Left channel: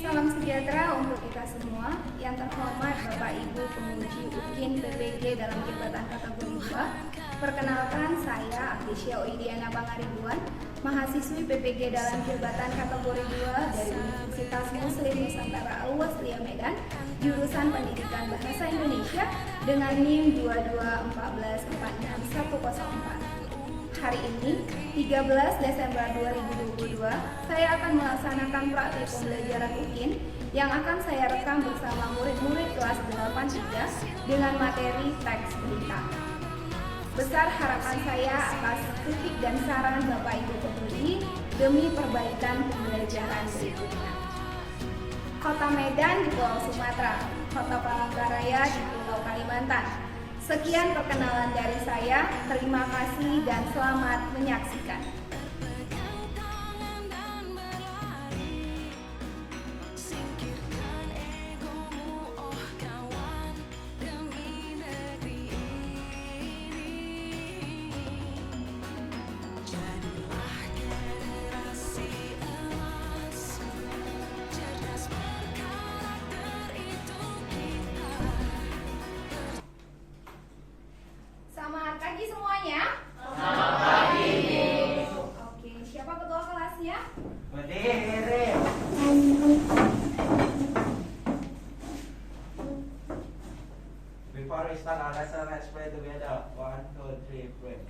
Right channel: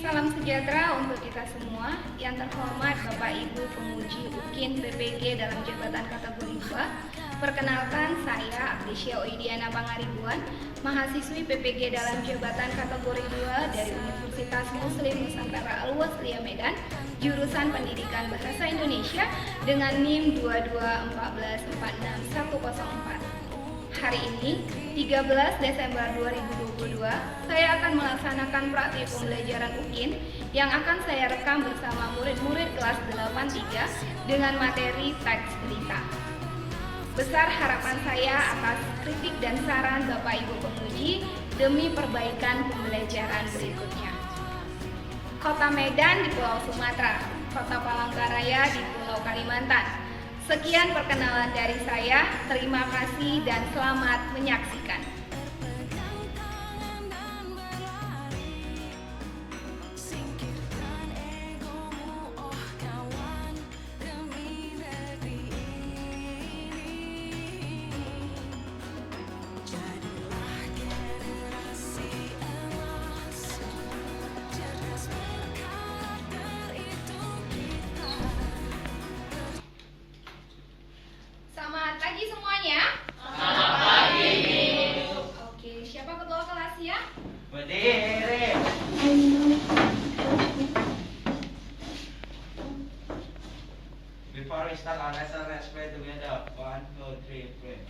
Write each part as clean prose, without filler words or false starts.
Salam sejahtera untuk kita semua. Yang terhormat Bapak Ibu Penguji UKIN PPG dalam jabatan kategori 2. Perkenalkan, saya Abdesya Oidiana Pangaribuan, mahasiswi PPG dalam jabatan kategori 2 dari Universitas Muslim Nusantara Al-Wasliyah Medan, jurusan Pendidikan Bahasa Indonesia dengan NIM 221446104. Hari ini, 13 Desember 2022, saya akan melaksanakan praktik pembelajaran UKIN yang akan saya rekam bersama murid-murid kelas 83 dengan materi teks berita. Besar harapan saya atas kritik dan saran Bapak Ibu penguji demi perbaikan pembelajaran berikutnya. Kota Medan di Pulau Sumatera, Kota Palangkaraya di Pulau Kalimantan. Sekian perkenalan dari saya, terima kasih dan selamat menyaksikan. Selamat pagi semuanya. Selamat pagi. Oke, siapa ketua kelasnya? Berdiri. Before we start our lesson, let's pray together. 1, 2, 3, pray.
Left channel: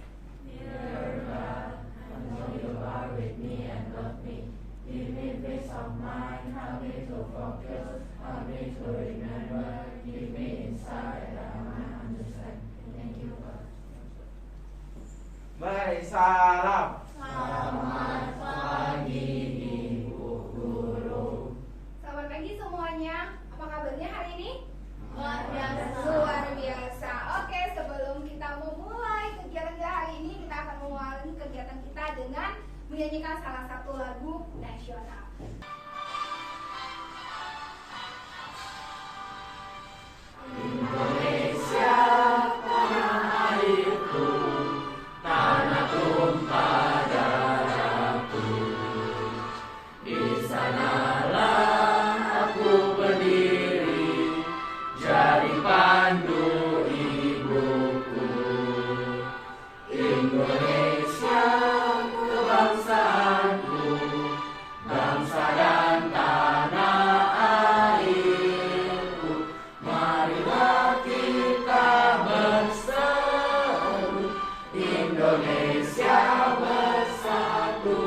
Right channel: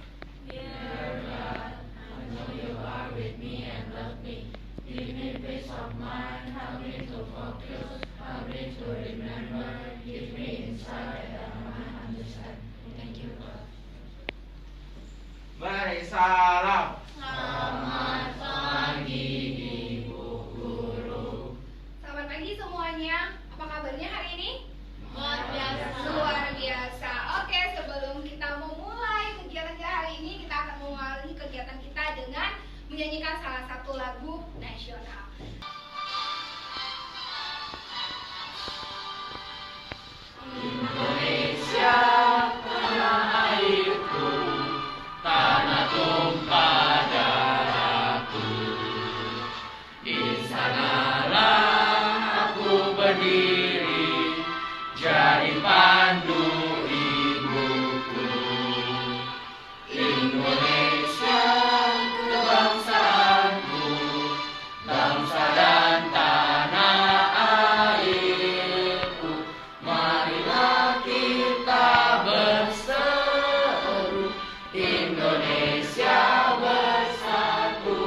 Dear God, I know you are with me and love me. Give me peace of mind, help me to focus, help me to remember, give me insight that I might understand. Thank you, God. Mari salam. Selamat pagi, Ibu Guru. Selamat pagi semuanya. Apa kabarnya hari ini? Luar biasa. Luar biasa. Oke, sebelum kita memulai kegiatan kita hari ini, kita akan mengawali kegiatan kita dengan menyanyikan salah satu lagu nasional. Indonesia, tanah airku, tanah tumpah darahku. Di sanalah aku berdiri, jadi pandu ibuku. Indonesia, kebangsaanku, bangsa dan tanah airku. Marilah kita berseru, Indonesia bersatu.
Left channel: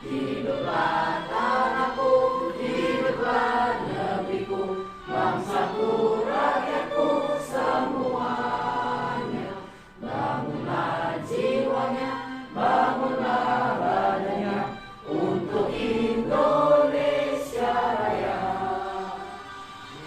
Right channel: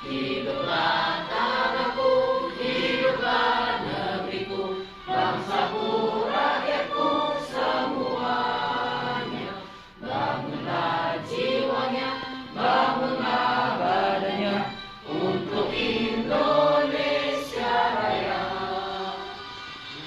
Hiduplah tanahku, hiduplah negeriku, bangsaku, rakyatku semuanya. Bangunlah jiwanya, bangunlah badannya untuk Indonesia Raya.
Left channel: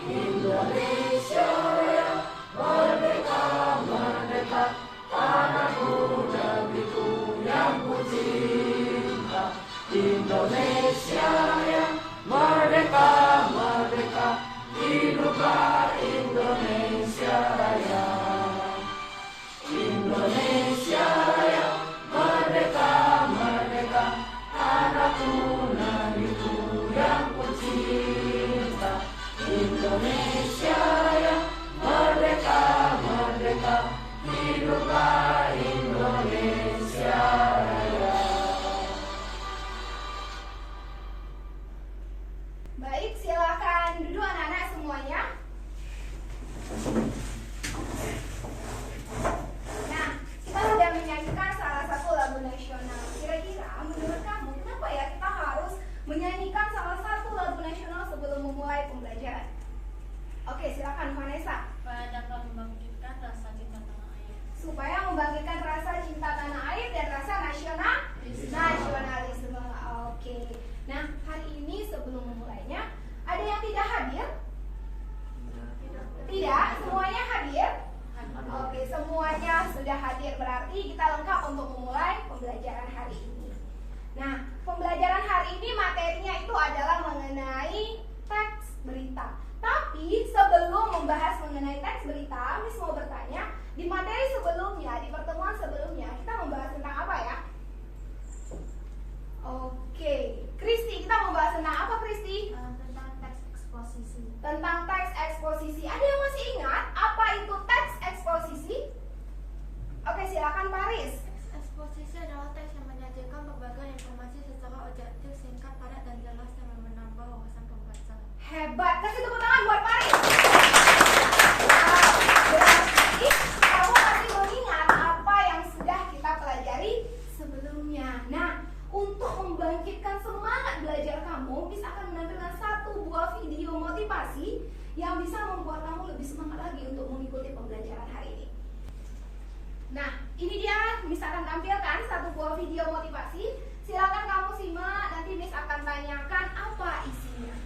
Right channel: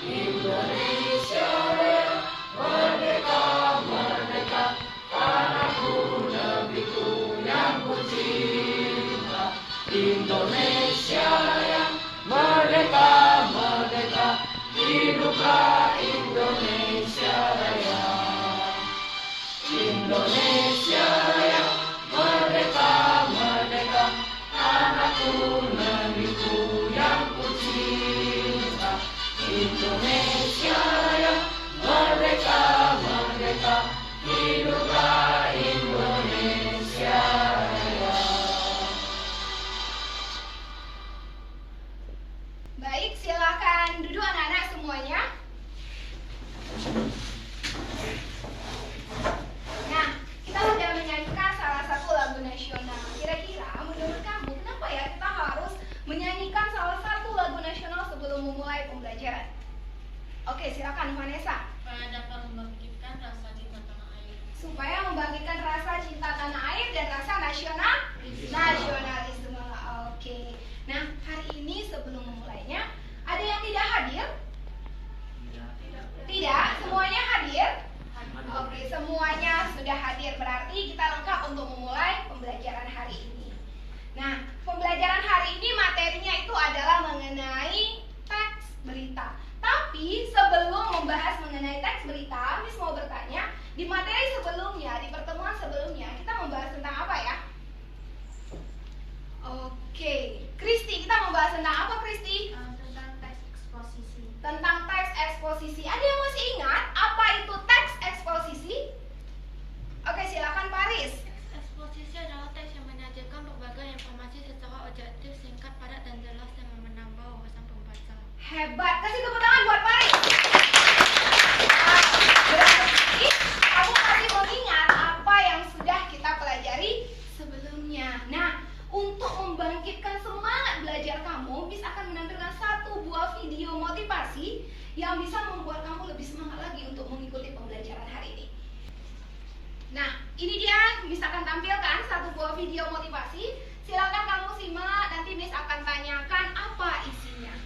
Indonesia Raya, merdeka, merdeka, tanahku, negeriku yang ku cinta. Indonesia Raya, merdeka, merdeka, hiduplah Indonesia Raya. Indonesia Raya, merdeka, merdeka, tanahku, negeriku yang ku cinta. Indonesia Raya, merdeka, merdeka, hiduplah Indonesia Raya. Baik, silakan duduk anak-anak semuanya. Nah, kita sudah menyanyikan salah satu lagu nasional. Kira-kira menurut kamu kenapa ya kita harus menyanyikan salah satu lagu nasional sebelum memulai pembelajaran? Oke, silakan Vanessa. Supaya dapat membangkitkan rasa cinta tanah air. Supaya membangkitkan rasa cinta tanah air dan rasa nasionalisme. Oke. Nah, hari ini sebelum memulainya, ada yang tidak hadir? Tidak, semuanya hadir? Oke, semuanya sudah hadir, berarti kita lengkap untuk memulai pembelajaran hari ini. Nah, pembelajaran hari ini materinya itu adalah mengenai teks berita. Tapi sebelum membahas mengenai teks berita, Miss mau bertanya, di materi sebelumnya, di pertemuan sebelumnya, kita membahas tentang apa ya? Oke, Kristi, kita mau bahas tentang apa, Kristi? Tentang teks eksposisi. Tentang teks eksposisi. Ada yang masih ingat apa itu teks eksposisi? Oke, silakan Paris. Eksposisi adalah teks yang menyajikan berbagai informasi secara objektif, singkat, padat, dan jelas yang menambah wawasan pembaca. Hebat, kasih tepuk tangan buat Paris. Berarti kamu masih mengingat apa yang sudah kita pelajari sebelumnya. Nah, untuk membangkitkan semangat belajar kamu, Miss akan menampilkan satu buah video motivasi yang bisa membuat kamu lebih semangat lagi untuk mengikuti pembelajaran hari ini. Nah, ini dia Miss akan tampilkan satu buah video motivasi. Silakan kamu simak, nanti Miss akan tanyakan apa isinya.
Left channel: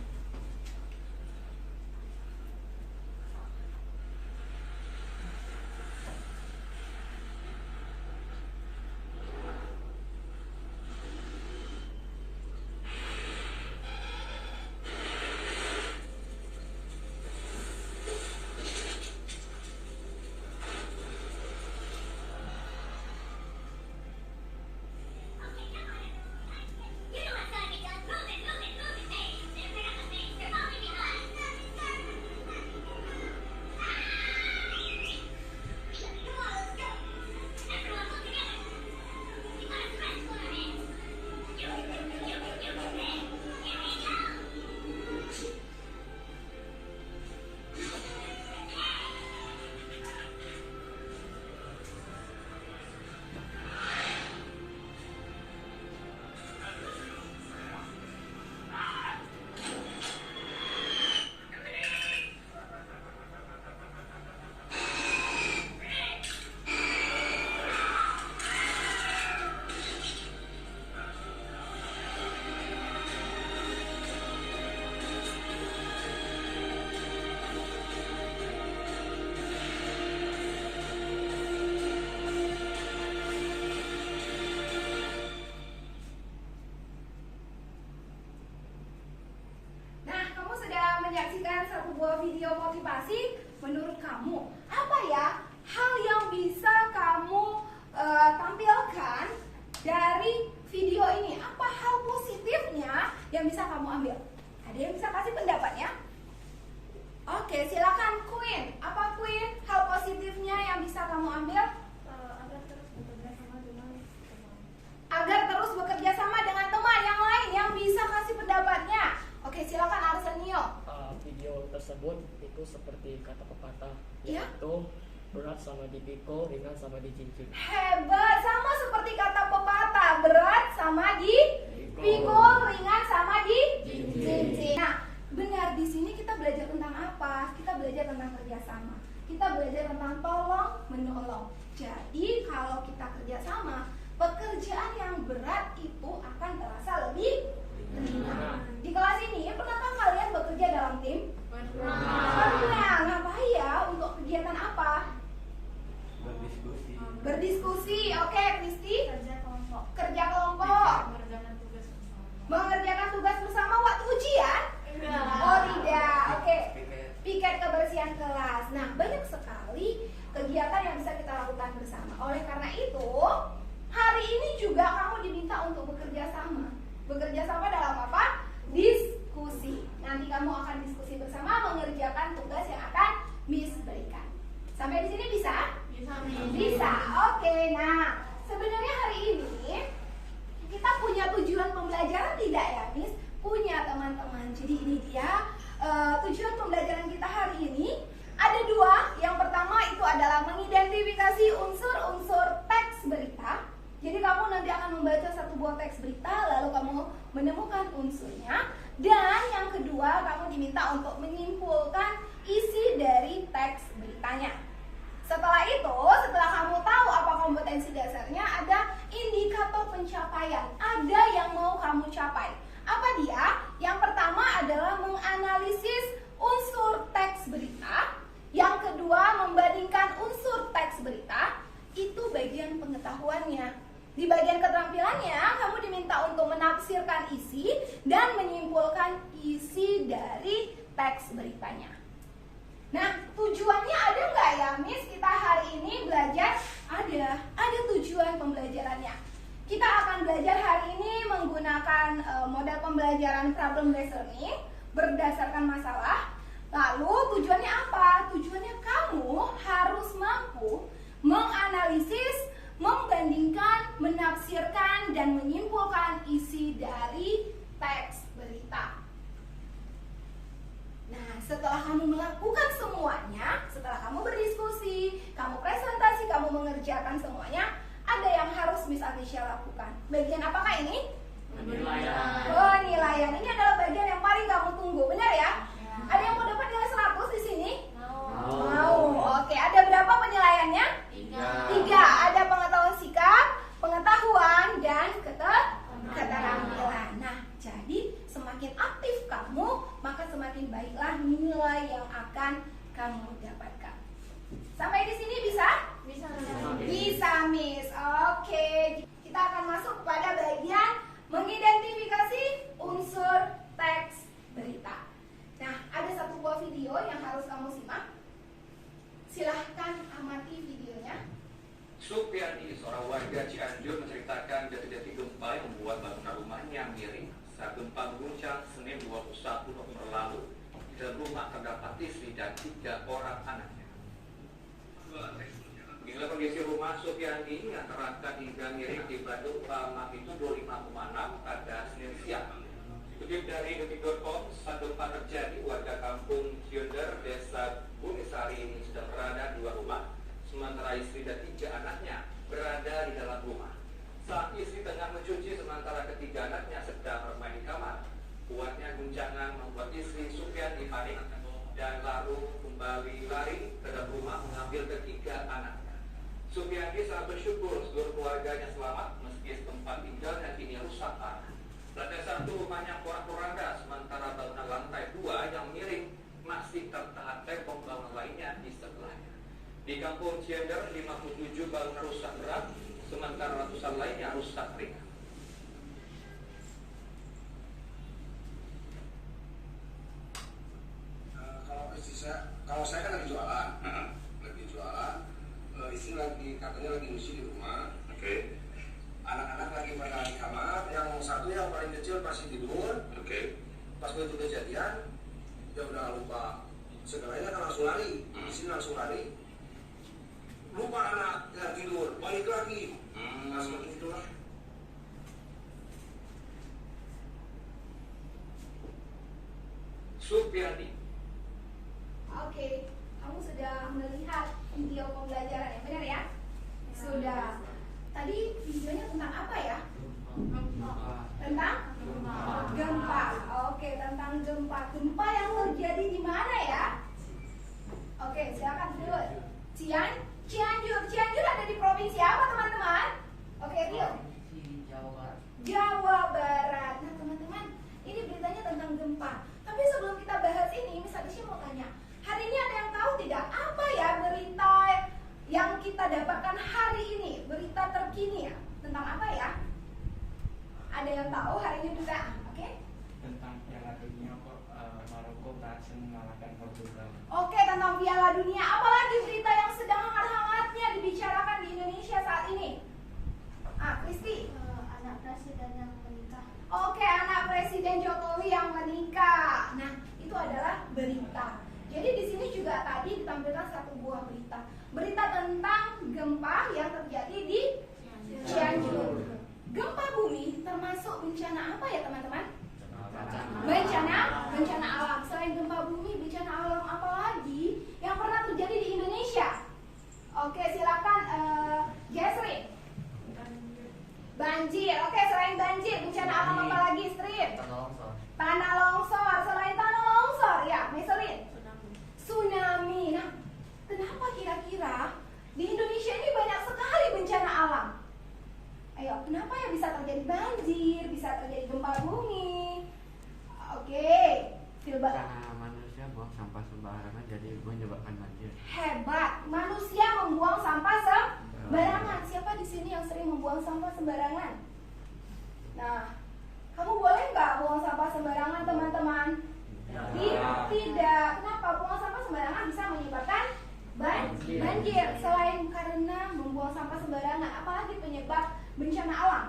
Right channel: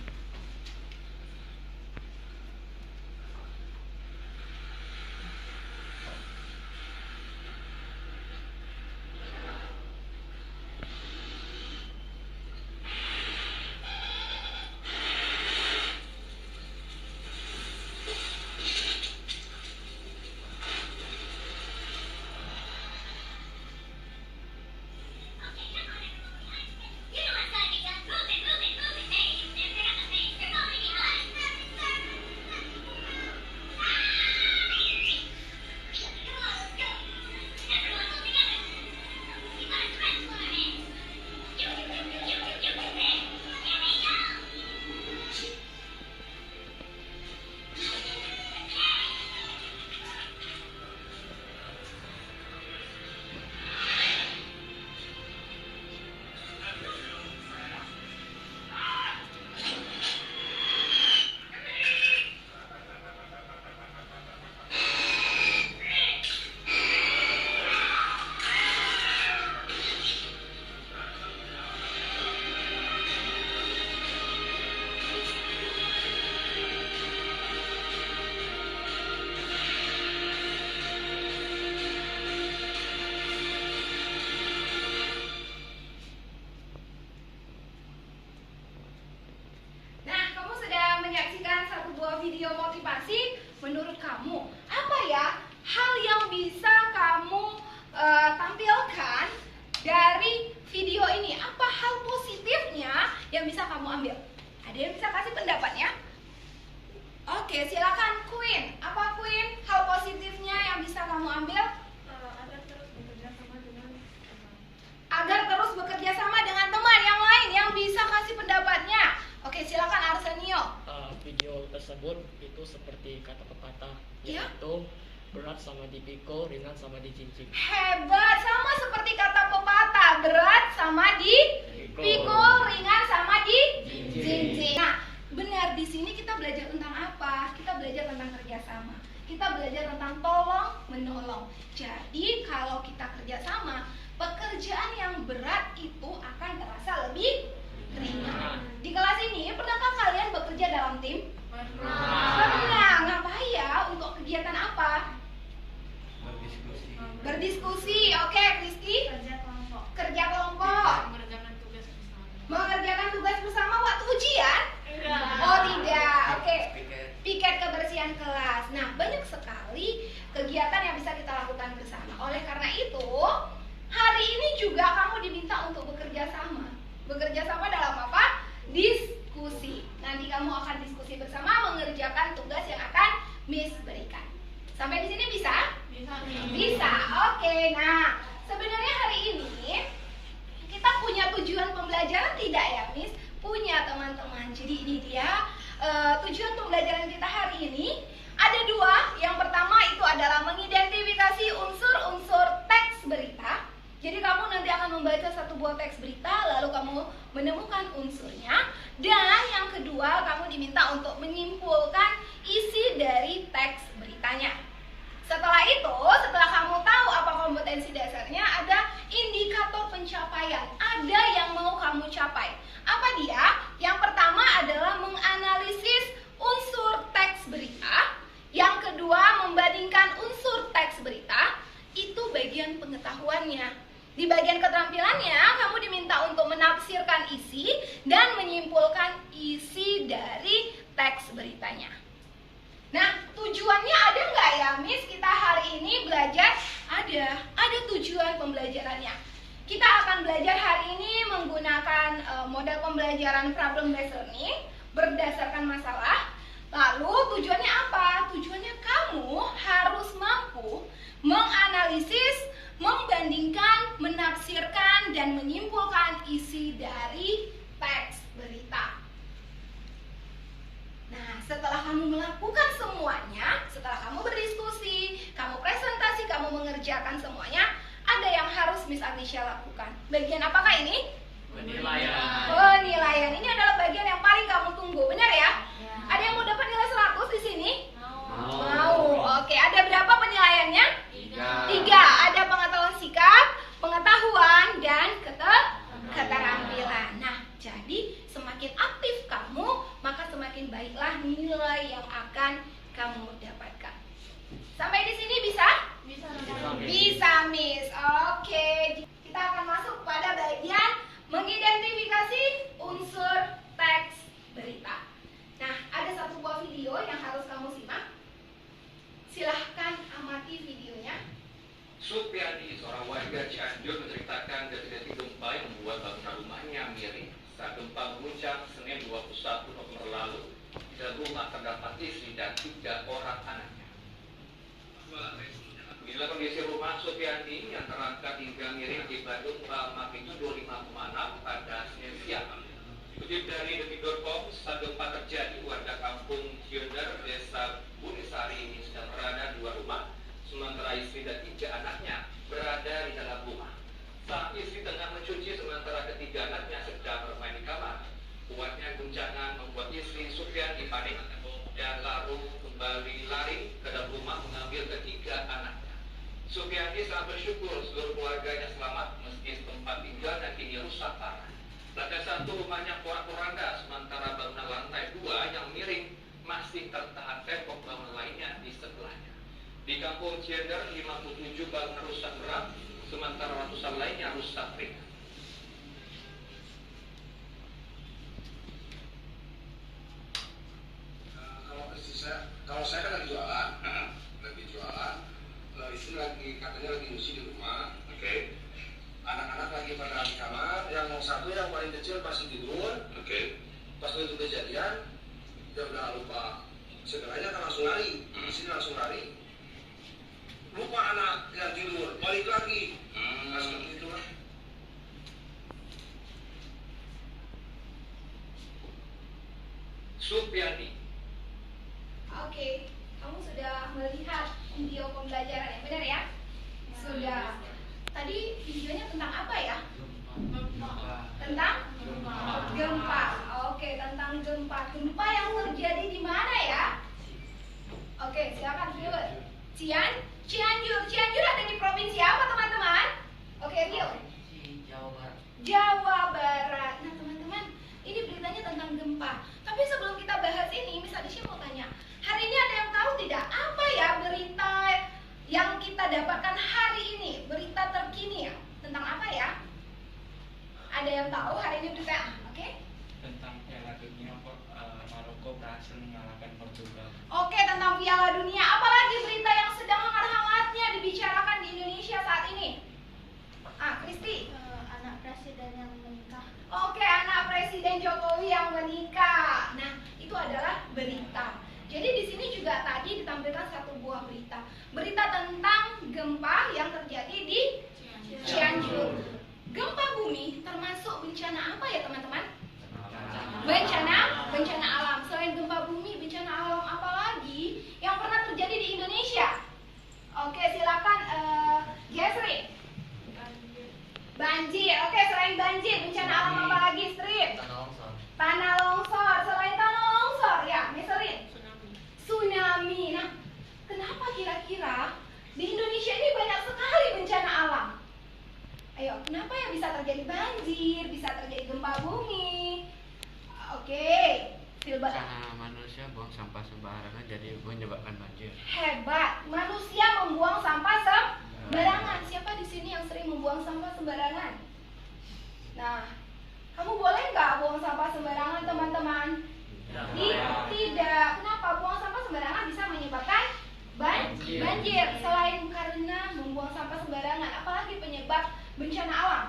Menyaksikan satu buah video motivasi, menurut kamu apa ya hal yang bisa kamu tampilkan dari video ini? Apa hal positifnya yang bisa kamu ambil? Ada yang bisa kasih pendapatnya? Oke, silakan Queen. Apa Queen hal positifnya yang bisa kamu ambil? Agar terus bekerja sama dengan teman. Agar terus bekerja sama dengan teman yang lain yang bisa kasih pendapatnya. Oke, silakan Arsenio. Video tersebut itu seperti kata pepatah, Ya. yaitu berat sama dipikul, ringan sama dijinjing. Hebat, sama seperti kata pepatah, berat sama dipikul, ringan sama dijinjing. Nah, benar, di sini kita belajar tentang apa? Kita belajar tentang kerjasama. Kita belajar tentang tolong menolong. Jadi kalau kita kerjasama, pekerjaan yang berat itu akan terasa lebih ringan. Di kelas ini, pernahkah kalian bekerja dalam tim? Pernah. Ngapain ya? Untuk kegiatan apa? Berdiskusi. Berdiskusi. Oke, Kristi. Kerja kelompok. Kerja kelompok. Mengerjakan tugas bersama. Mengerjakan tugas bersama waktu ujian? Oh tidak. Oke. Piket kebersihan kelas. Nah, banyak sekali kegiatan yang bisa kita lakukan bersama. Oleh karena itu, hari ini juga kamu diminta untuk bekerja sama. Bekerja sama dalam apa? Diskusi. Nanti kamu akan diskusi bersama mengerjakan tugas yang akan Miss berikan. Sampai di sini bisa? Bisa. Oke. Nah, sebenarnya hari ini kita punya tujuan pembelajaran tidak ya, Miss? Punya, teman-teman. Jadi ini dia tujuan pembelajaran kita hari ini. Ada dua. Yang pertama itu adalah mengidentifikasi unsur-unsur teks berita. Jadi kamu nanti akan membaca satu buah teks berita, lalu kamu menemukan unsurnya. Dan yang kedua, kamu diminta untuk menyimpulkan isi dari teks beritanya. Setelah itu, setelah kamu tahu apa kompetensi dasarnya, ada indikator pencapaian. Ada yang mau kamu capai. Apa dia? Yang pertama adalah menganalisis unsur teks berita. Yang kedua, membandingkan unsur teks berita. Itu bagian pengetahuannya. Di bagian keterampilannya, kamu diminta untuk menafsirkan isi dan menyimpulkan isi dari teks beritanya. Nah, tujuannya ada nggak ya, Miss? Kita hari ini belajar? Ada tujuan pembelajarannya. kita akan belajar hari ini menggunakan model pembelajaran problem based learning berdasarkan masalah. Lalu tujuannya apa? Tujuannya kamu harus mampu menganalisis, membandingkan, menafsirkan, dan menyimpulkan isi dari teks berita. Nah, setelah kamu melakukan semuanya, setelah kamu berdiskusi, kamu presentasi, kamu mengerjakan semuanya, ada yang harus Miss Atisha lakukan. Bagian apakah ini? Penilaian. Penilaian. Ini adalah bagian yang paling kamu tunggu, benar ya? Ada yang mau dapat nilai 100 di sini? Mau. Oke, ada berapa penilaiannya? 3. Ada pengetahuan sikap, pengetahuan, dan keterampilan. Nah, jadi semakin aktif kamu, maka semakin baiklah nilai yang akan kamu dapatkan. Sampai di sini bisa? Bisa, Miss. Oke, kita akan masuk pada bagian mengidentifikasi unsur teks berita. Nah, ada satu buah video yang harus kamu simak. Silahkan amati videonya. Supiani, seorang warga Cianjur, menceritakan detik-detik gempa yang membuat bangunan rumahnya miring saat gempa mengguncang Senin 21 November lalu. Di dalam rumah terdapat istri dan 3 orang anaknya. Inilah kondisi rumah Supiani yang terangkat hingga miring di Bandung magnitudo 5,6 pada Senin siang. Dikutip dari detik.com, saat gempa terjadi, warga kampung Ciunder, desa Bunisari ini sedang berada di luar rumah, sementara istri dan 3 anaknya berada di dalam rumah. Saat istri tengah mencuci, sementara ketiga anaknya sedang bermain di kamar. Kuatnya guncangan membuat istri Supiani panik dan lalu kembali lari ke dalam rumah mengambil ketiga anaknya. Supiani sangat bersyukur seluruh keluarganya selamat meski tempat tinggalnya kini rusak parah. Lantai 1 rumahnya porak-poranda, sementara bangunan lantai 2 yang miring masih tertahan tembok bangunan lainnya di sebelahnya. Di kampung Ciender, 57 bangunan rusak berat, sementara ratusan lainnya rusak ringan. Kalau saya kan lagi jualan, istri lagi katanya lagi nyuci di rumah. Oke. Anak-anak lagi pada di kamar, yang satu yang paling kecil pasti tidur. Oke. Pas itu kejadian, dia udah lupa segalanya, kan langsung lari. Istri langsung lari. Lupa anak yang tidur, balik lagi. Nah, seperti itulah. Supiani. Oke, kamu sudah melihat video pembelajaran yang benar ya? Sudah. Tadi videonya tentang apa ya? Tentang gempa. Oke, tentang gempa. Gempa yang terjadi di mana ya? Oke, silakan Phil. Cianjur. Cianjur ada di provinsi apa, teman-teman? Oke, Phil. Jawa Barat. Nah, teman-teman, ini beritanya tentang gempa. Tapi sebelum kita bahas ini, Miss Atisha mau tanya, hari ini ada yang tahu tidak apa ya berita yang kita dapatkan hari ini, berita terkini ya, tentang apa ya? Ada yang tahu hari ini berita? Oke? Tentang Piala Dunia, Maroko berhasil mengalahkan Portugal. Oke, tentang Piala Dunia. Apalagi berita yang sedang hangat-hangatnya dibicarakan di Indonesia saat ini? Kristi. Anak presiden yang menikah. Oke, anak Presiden Jokowi yang menikah. Nah, itu adalah berita. Jadi di sini juga tadi ditampilkan satu buah berita. Berita tentang gempa yang terjadi di Cianjur. Gempa bumi termasuk bencana apa ya, teman-teman? Bencana alam. Selain gempa bumi, bencana alam apa lagi yang pernah terjadi di Indonesia? Oke, silakan Gesri. Banjir. Oke, selain banjir, bencana alam apa lagi, Strip? Tanah longsor. Selain tanah longsor, ya, Meselin. Tsunami. Nah, kenapa kira-kira di Indonesia ini banyak sekali bencana alam? Ayo, kenapa ya bisa terjadi banjir, bisa terjadi gempa bumi? Oke, Silba. Karena manusia buang sampah sembarangan jadi menyebabkan banjir. Hebat, manusia membuang sampah sembarangan. Siapa di sini yang sering membuang sampah sembarangan? Nah, kamu boleh nggak buang sampah sembarangan, teman-teman? Tidak. Kenapa? Buang sampah sembarangan bisa menyebabkan banjir. Selain karena membuang sampah sembarangan, apalagi penyebab bencana alam?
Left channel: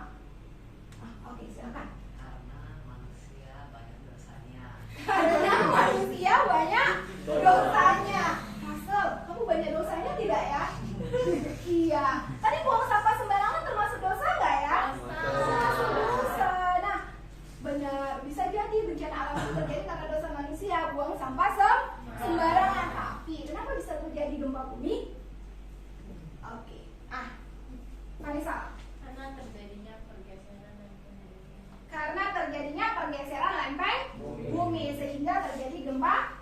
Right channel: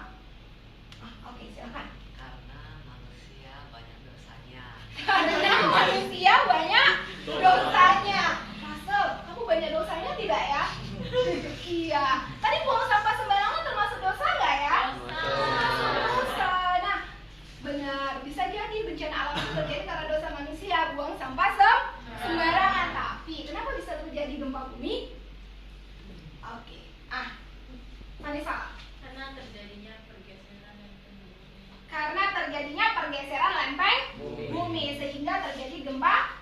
Silakan. Karena manusia banyak dosanya. Karena manusia banyak dosanya. Rasel, kamu banyak dosanya tidak ya? Iya. Tadi buang sampah sembarangan termasuk dosa nggak ya? Termasuk dosa. Nah, benar. Bisa jadi bencana alam itu terjadi karena dosa manusia, buang sampah sembarangan. Tapi kenapa bisa terjadi gempa bumi? Oke. Vanessa. Karena terjadinya pergeseran lempeng bumi. Karena terjadinya pergeseran lempeng bumi sehingga terjadi gempa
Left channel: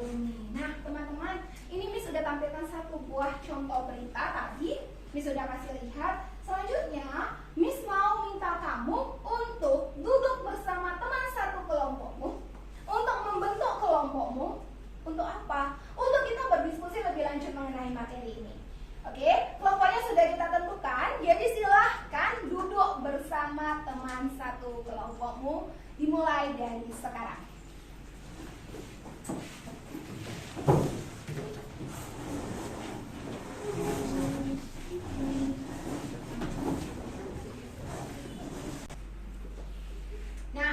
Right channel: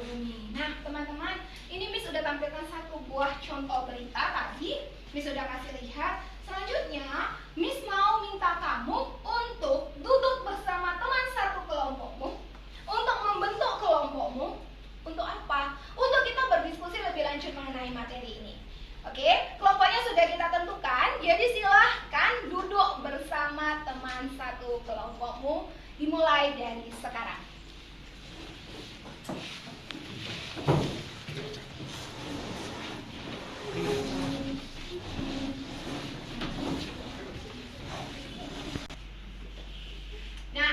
bumi. Nah, teman-teman, ini Miss sudah tampilkan satu buah contoh berita tadi. Miss sudah kasih lihat. Selanjutnya, Miss mau minta kamu untuk duduk bersama teman satu kelompokmu, untuk membentuk kelompokmu. Untuk apa? Untuk kita berdiskusi lebih lanjut mengenai materi ini. Oke, kelompoknya sudah kita tentukan. Jadi silahkan duduk bersama teman satu kelompokmu. Dimulai dari sekarang. Nah,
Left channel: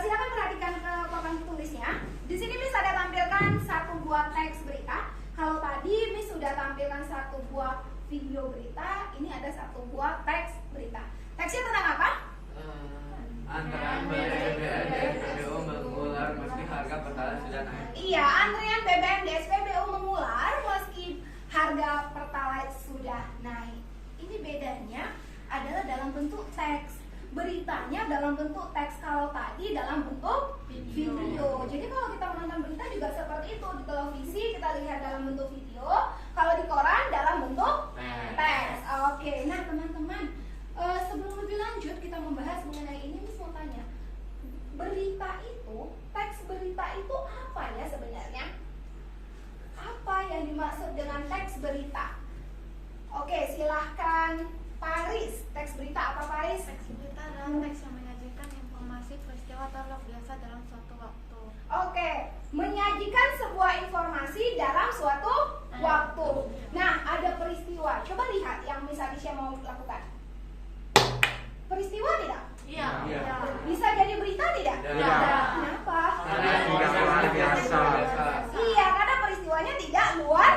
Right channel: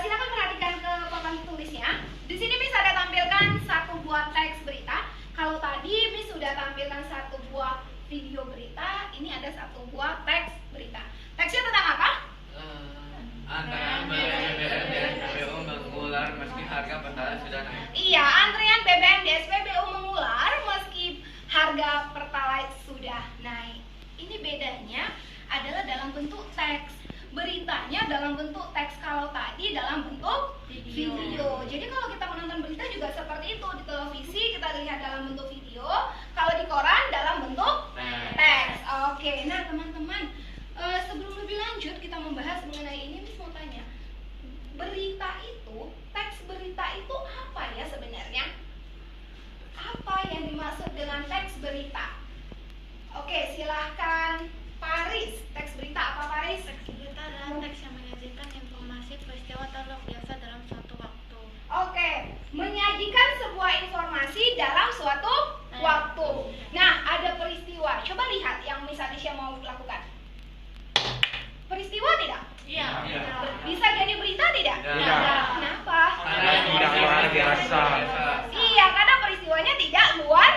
silakan perhatikan ke papan tulisnya. Di sini Miss ada tampilkan satu buah teks berita. Kalau tadi Miss sudah tampilkan satu buah video berita, ini ada satu buah teks berita. Teksnya tentang apa? Antrean BBM di SPBU mengular meski harga pertalite sudah naik. Iya, antrean BBM di SPBU mengular meski harga pertalite sudah naik. Ini bedanya adalah dalam bentuk teks. Beritanya dalam bentuk teks, kalau tadi dalam bentuk video. Jadi kalau kita menonton berita juga seperti itu. Di televisi kita lihat dalam bentuk video, kalau di koran dalam bentuk teks. Oke, nah teman-teman, sebelum lebih lanjut kita membahas mengenai ini, Miss mau tanya, berita itu, teks berita itu apa ya sebenarnya? Apa yang dimaksud dengan teks berita? Oke, silahkan Paris. Teks berita apa, Paris? Teks berita adalah teks yang menyajikan informasi, peristiwa atau log biasa dalam suatu waktu. Oke, menyajikan sebuah informasi dalam suatu waktu. Nah, ada peristiwa. Coba lihat yang Miss Adisha mau lakukan. Peristiwa tidak? Iya. Bisa jadi berita tidak? Tidak. Kenapa? Karena tidak luar biasa. Iya, karena peristiwanya tidak luar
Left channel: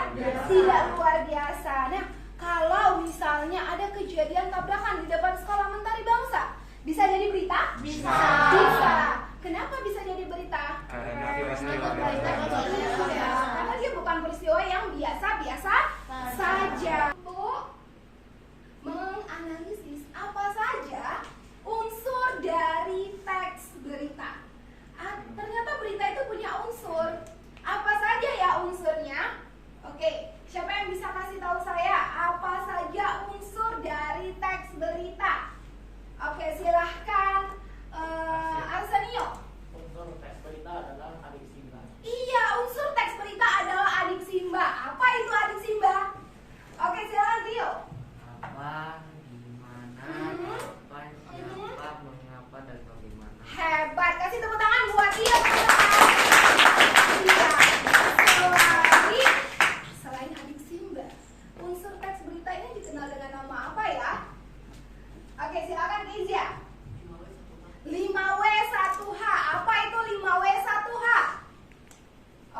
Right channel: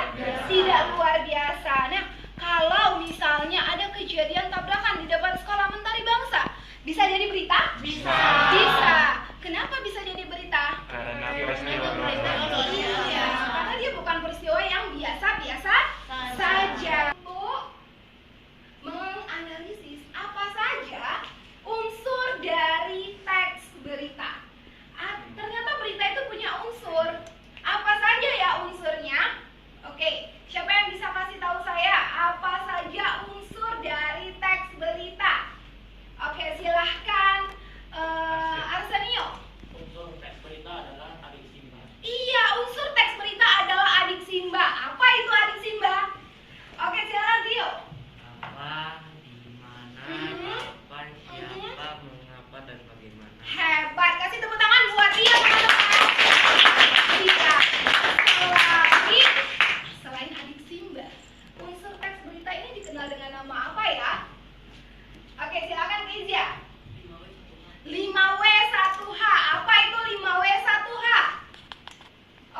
biasa. Nah, kalau misalnya ada kejadian tabrakan di depan Sekolah Mentari Bangsa, bisa jadi berita? Bisa. Kenapa bisa jadi berita? Karena peristiwa Iya, karena dia bukan peristiwa yang biasa-biasa saja. Untuk menganalisis apa saja unsur dari teks berita. Ternyata berita itu punya unsur. Apa saja ya unsurnya? Oke, siapa yang bisa kasih tahu saya apa saja unsur dari teks berita? Oke, silahkan Arsenio. Unsur teks berita adalah adik Simba. Iya, unsur teks berita adalah adik Simba. Apa itu adik Simba? Oke, silakan Rio. apa, di mana, kapan, siapa, mengapa, dan bagaimana. Hebat, kasih tepuk tangan buat Rio, teman-teman. Iya. Lagi, selain adik Simba, unsur teks berita ini dikenal dengan nama apa ya? Oke, silakan Kezia. 5W1H. Apa itu 5W1H?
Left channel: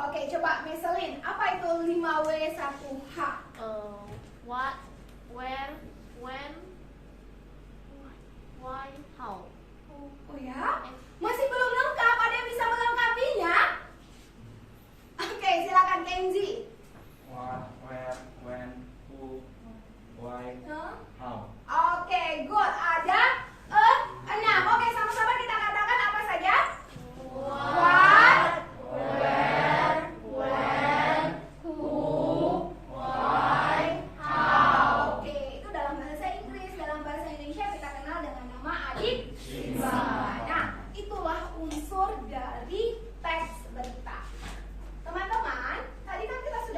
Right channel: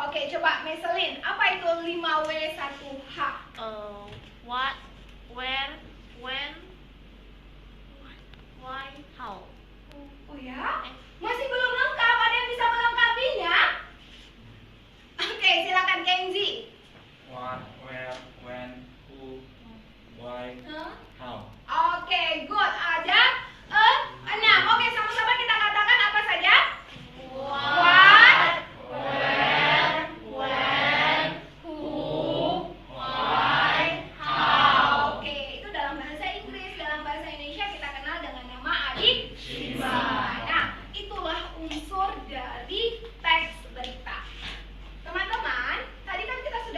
Oke, coba Meselin. Apa itu 5W1H? What, where, when, why, how. Oh ya? Masih belum lengkap. Ada yang bisa melengkapinya? Oke, silakan Kenzi. What, where, when, who, why, how. Oke, good. Ada 6. Oke, sama-sama kita katakan apa saja? What, where, when, who, why, how. Oke, itu dalam bahasa Inggris. Dalam bahasa Indonesia kita kenal dengan nama adik Simba. Nah, itulah unsur dari teks berita. Teman-teman, tadi kan kita sudah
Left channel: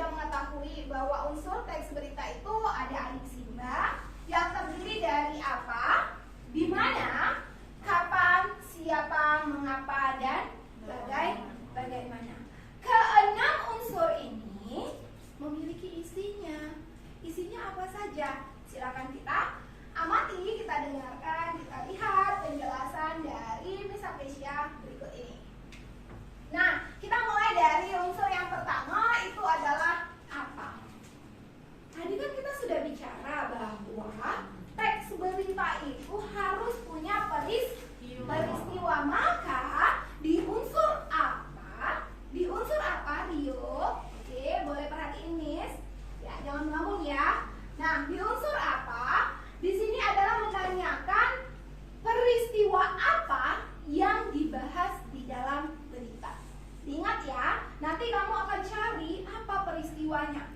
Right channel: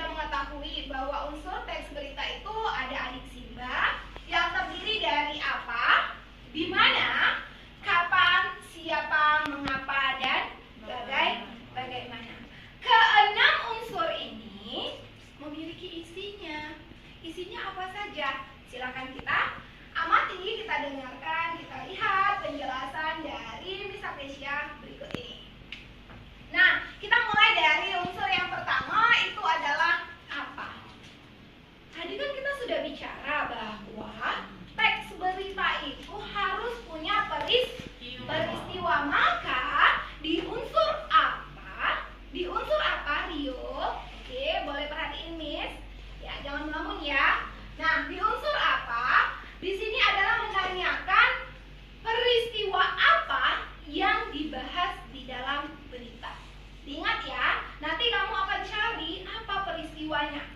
peristiwanya.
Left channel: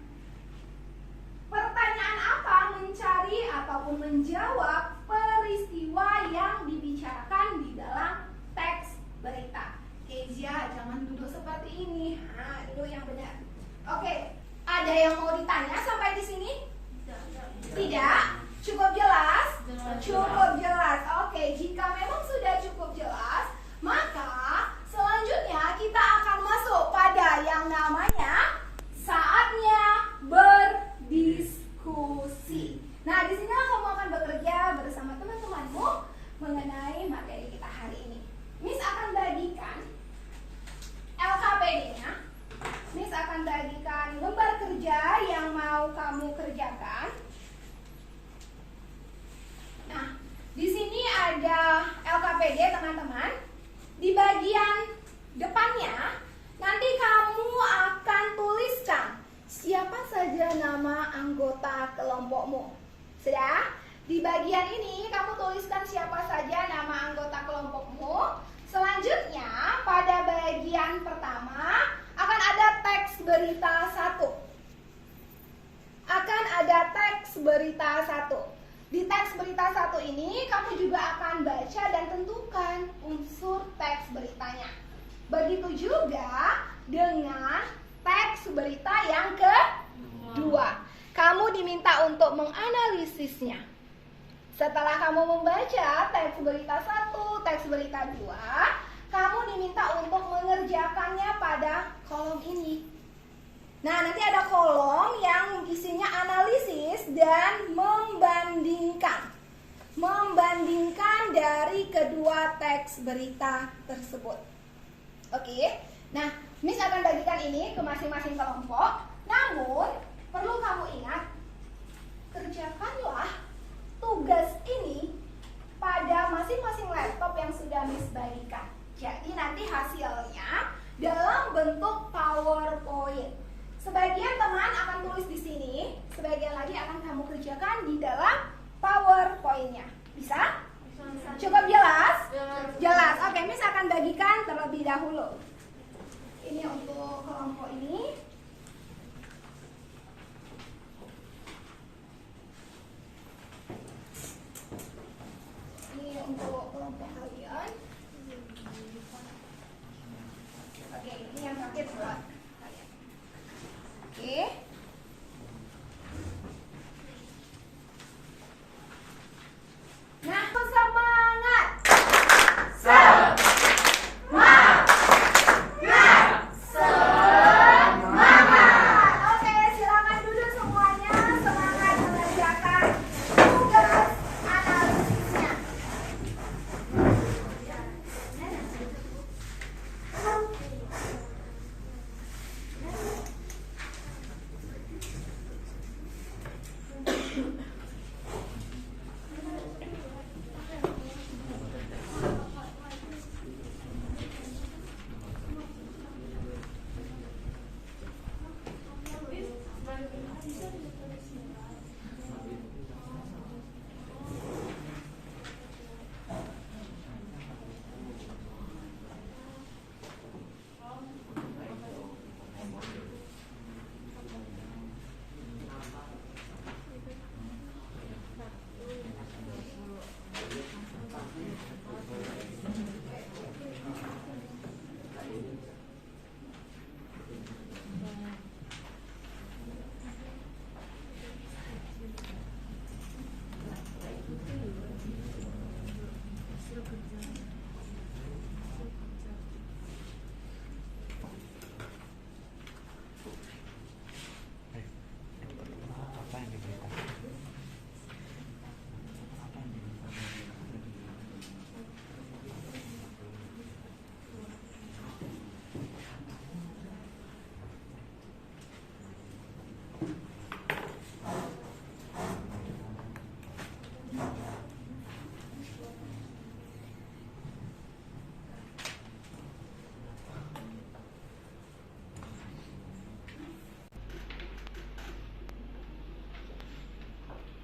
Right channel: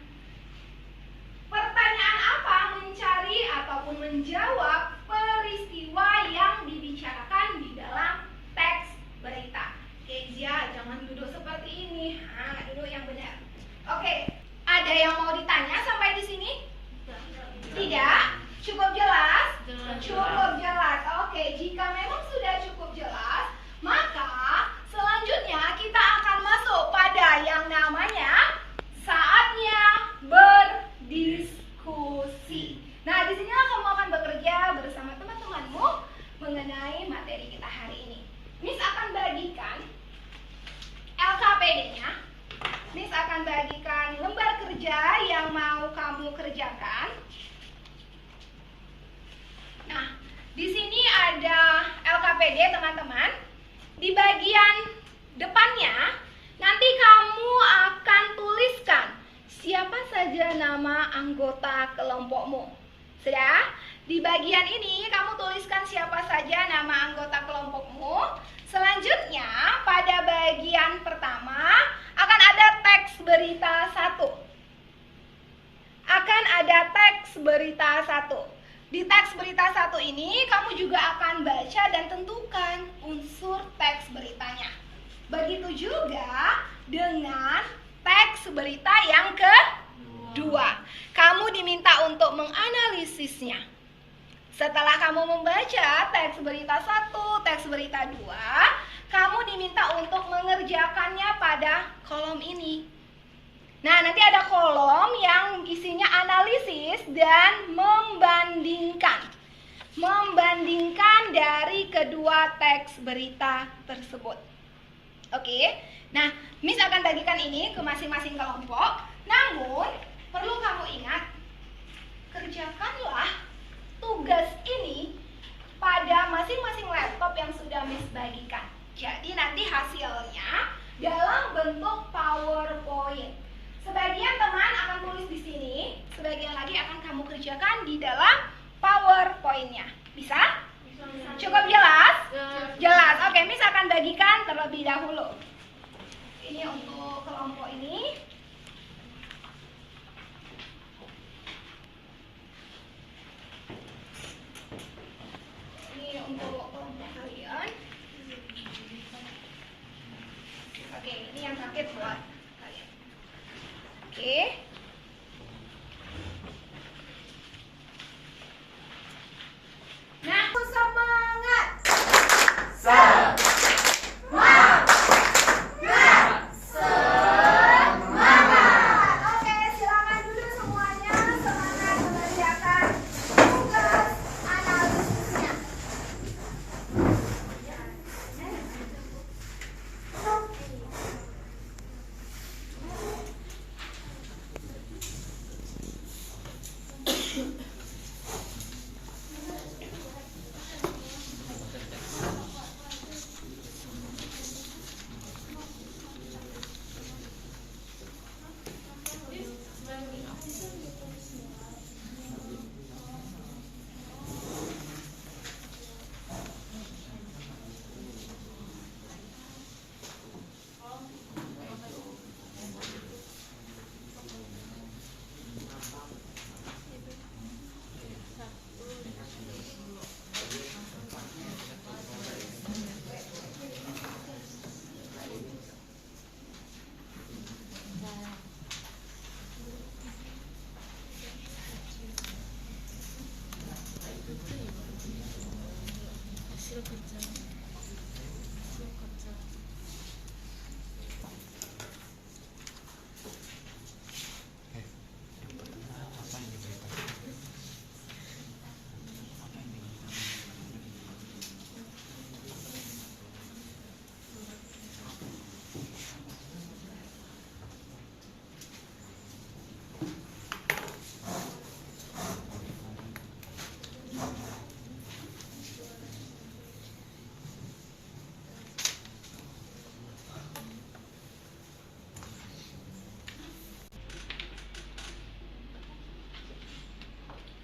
Pertanyaan apa? Mencari ataupun menjawab peristiwa yang dibicarakan di dalam teks berita. Kezia, jangan duduk seperti ini. Nah, duduk yang benar. Oke, ada yang mau ditanya sampai di sini? Tidak? Cukup jelas? Cukup jelas. Oke, jika memang sudah cukup jelas, maka selanjutnya kita akan masuk pada yang namanya saatnya berdiskusi. Nah, di sinilah kamu akan bekerja bersama teman-temanmu mengenai materi kita hari ini. Miss akan bagikan LKPD-nya. Miss akan bagikan lembar kerja yang mau kamu kerjakan. Nah, di sini ada LKPD teman-teman. Di bagian depannya nanti kamu akan tuliskan siapa saja nama anggota kelompokmu. Sudah? Di bagian ini kamu tuliskan siapa saja nama anggota kelompokmu. Selanjutnya pada bagian pertama akan ada teks berita 1. Akan ada teks berita 1. Di teks berita 1 ini kamu juga akan baca dan tentukan unsur teks beritanya. Begitu juga dengan teks berita yang kedua. Kamu diminta untuk menganalisisnya. Setelah kamu membaca teks berita 1, teks berita 2, kamu diminta untuk mengerjakannya pada kolom ini. Nah, nanti ada kolom yang isinya analisis dan membandingkan. Membandingkan dari kedua teks berita tersebut. Oke, nah Miss akan bagikan ini ke masing-masing kelompok. Namun, perlu kamu ingat, kerjakanlah tugas ini pada masing-masing laptop yang sudah Miss bagikan. Jadi nanti hasilnya dalam bentuk PowerPoint. Sebagian teman akan tulis di sini, sebagian lagi akan kamu kerjakan di dalam PowerPoint-nya. Bisa? Cukup jelas? Jelas. Oke, Miss akan bagikan terlebih dahulu. Ini untuk kelompok ini. Ini untuk kelompok kalian. Oke, ini yang terakhir buat kalian. Oke. Nah, semangat. Oke, silakan duduk semuanya. Semangat mengerjakan tugas analisisnya.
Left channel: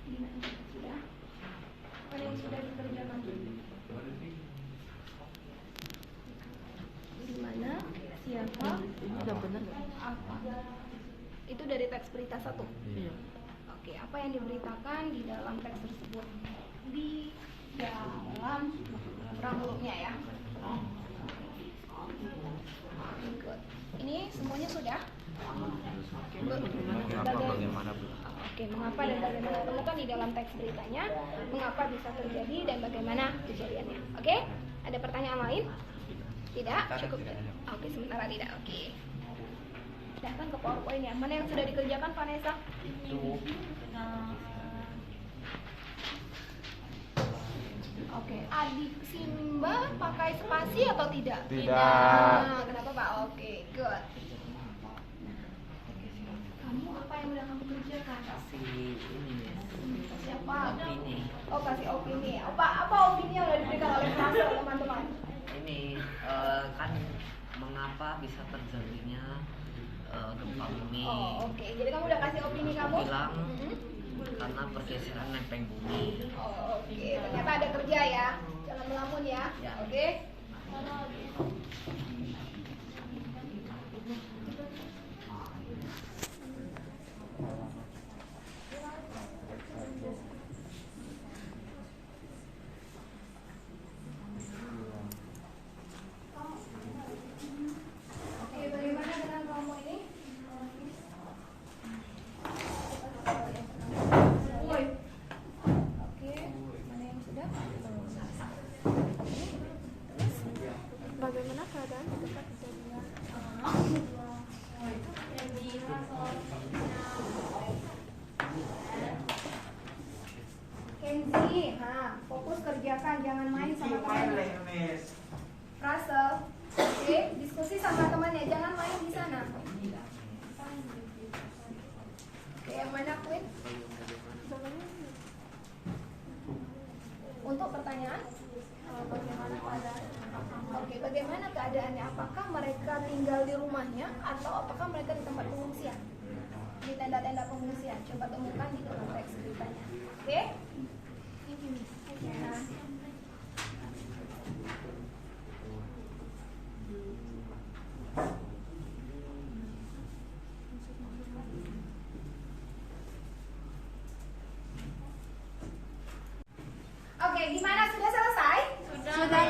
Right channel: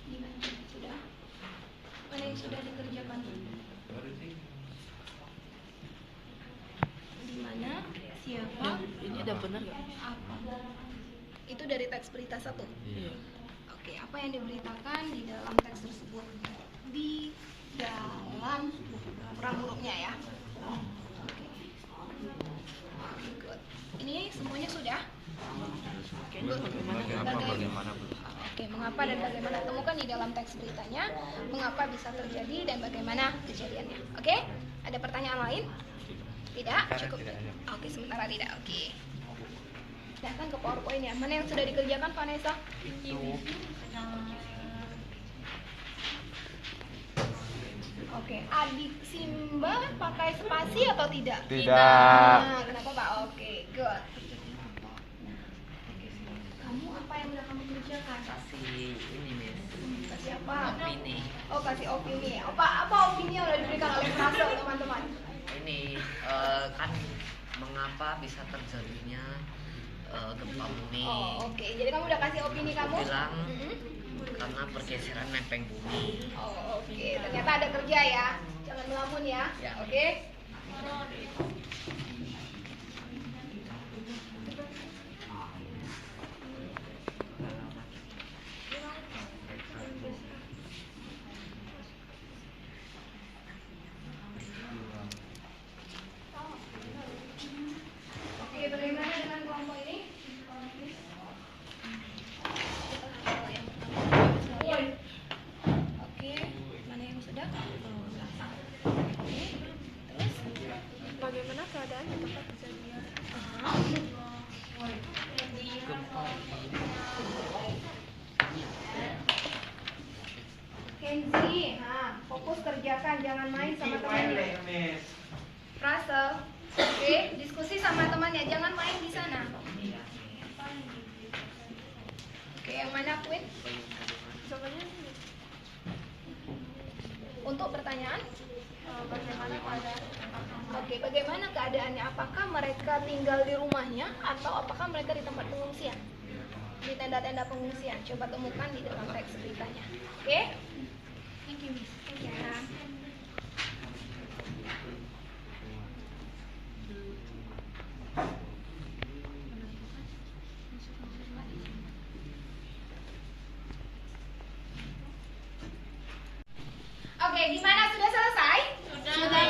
Gimana? Sudah? Mana yang sudah dikerjakan? Di mana? Siapa? Ini udah bener gak? Itu itu dari teks berita 1. Iya. Oke, apa yang diberitakan di dalam teks tersebut? Di dalam ramuruknya ya. Oke, good. Ini semuanya sudah? Bagaimana berusaha? Oke, mengapa dan bagaimana? Temukan di dalam teks beritanya mengapa bisa terjadi dan bagaimana kejadiannya. Oke? Ada pertanyaan lain? Tidak? Cukup. Oke, sementara tidak. Oke. Datang ke PowerPoint ya. Mana yang sudah dikerjakan, Vanessa? Itu. Oke, adik Simba pakai spasi atau tidak? Tidak. Nah, kenapa Pak? Oke, good. Kamu apa yang udah kamu kerjakan? Kasih ini nih. Kasih apa? Opini. Oh, kasih opini. Apa opini yang udah diberikan oleh Frase, teman-teman? Ini kan mengapa bisa terjadinya gempa bumi? Oh, oke. Jadi kamu udah kasih opini kamu? Bilang Mhm. karena pergeseran lempeng bumi. Oh, oke. Ternyata ada kerja ya. Jangan melamun ya. Ya. Oke. Oke, bagaimana dengan kelompok ini? Oke, mana yang sudah? Oke, terus bagaimana keadaan di tempat kejadian? Kenzi, fokus kerjakan, jangan main sama temannya. Russell, oke, diskusi sama temannya, jangan main di sana. Oke, yang mana Queen? Untuk pertanyaan? Bagaimana keadaan? Oke, bagaimana keadaannya? Apakah mereka tinggal di rumahnya atau apakah mereka di tempat pengungsian? Di tenda-tenda pengungsian. Coba temukan di dalam teks beritanya. Oke? Thank you, Miss. Ya. Oke, gimana? Sudah selesai? Sudah.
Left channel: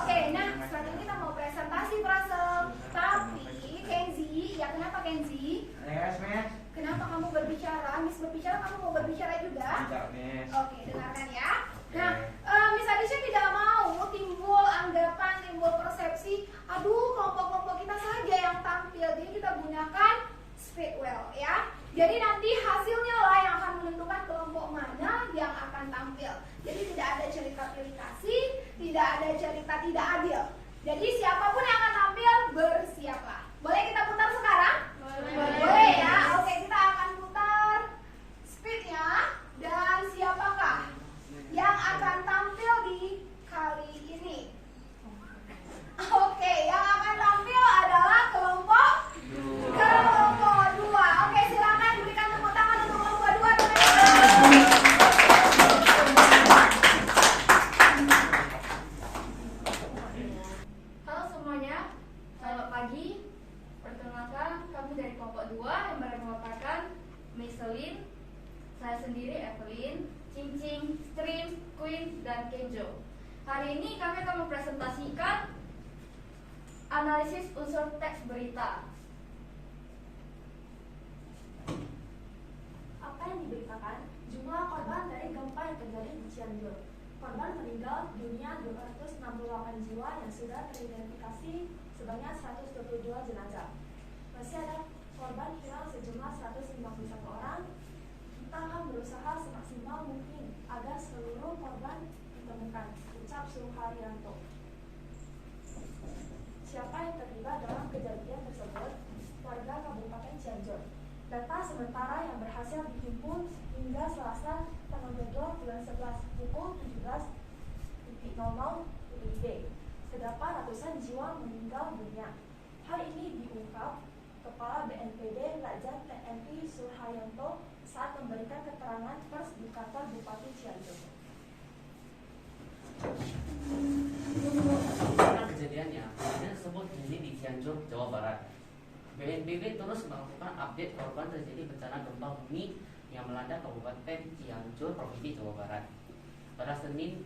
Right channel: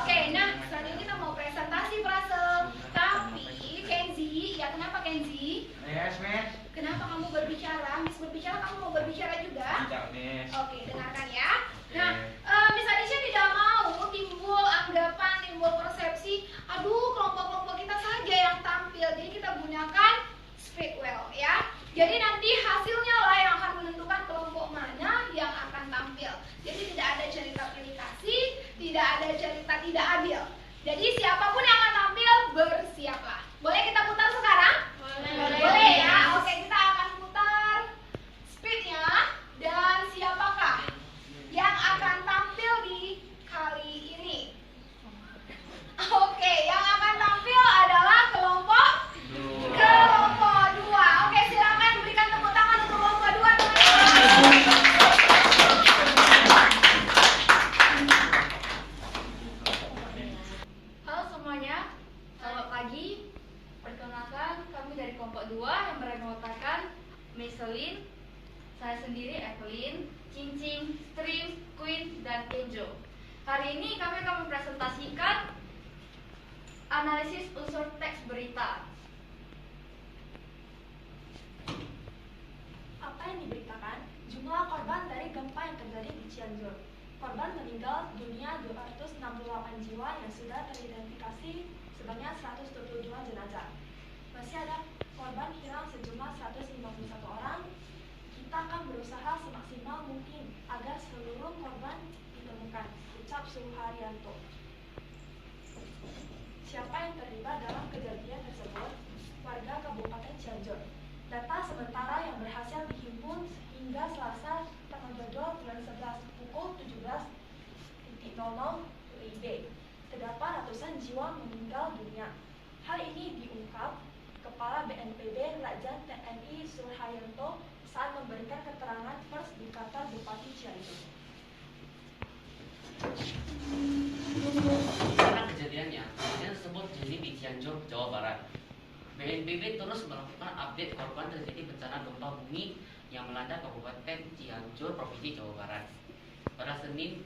Oke, nah selanjutnya kita mau presentasi Prasel. Tapi Kenzi, ya kenapa Kenzi? Yes, Miss. Kenapa kamu berbicara? Miss berbicara, kamu mau berbicara juga? Tidak, Miss. Oke, dengarkan ya. Nah, Miss Adisha tidak mau timbul anggapan, timbul persepsi, aduh kelompok-kelompok kita saja yang tampil. Jadi kita gunakan Speedwell ya. Jadi nanti hasilnya lah yang akan menentukan kelompok mana yang akan tampil. Jadi tidak ada cerita pilih kasih, tidak ada cerita tidak adil. Jadi siapapun yang akan tampil, bersiaplah. Boleh kita putar sekarang? Boleh ya. Oke, kita akan putar speednya. Dan siapakah yang akan tampil di kali ini? Oke, yang akan tampil adalah kelompok 2. Oke, silakan berikan tepuk tangan untuk kelompok 2, teman-teman. Halo semuanya, selamat pagi. Perkenalkan, kami dari kelompok 2 yang merupakan Miselin, saya sendiri Evelyn, Cincing, Stream, Queen, dan Kenjo. Hari ini kami akan mempresentasikan analisis unsur teks berita. Apa yang diberitakan? Jumlah korban dari gempa yang terjadi di Cianjur. Korban meninggal dunia 268 jiwa yang sudah teridentifikasi sebanyak 122 jenazah. Masih ada korban hilang sejumlah 151 orang. Kita akan berusaha semaksimal mungkin agar seluruh korban ditemukan, ucap Suharyanto. Siapa yang terlibat dalam kejadian tersebut? Warga Kabupaten Cianjur. Data sementara yang berhasil dihimpun hingga Selasa tanggal 22 bulan 11 pukul 17.00 WIB. Terdapat ratusan jiwa meninggal dunia. Hal ini diungkap Kepala BNPB Lajang TNI Suharyanto saat memberikan keterangan pers di kantor Bupati Cianjur. Karena kejadiannya tersebut terjadi di Cianjur, Jawa Barat. BNPB terus melakukan update korban terjadi bencana gempa bumi yang melanda Kabupaten Cianjur, Provinsi Jawa Barat pada Senin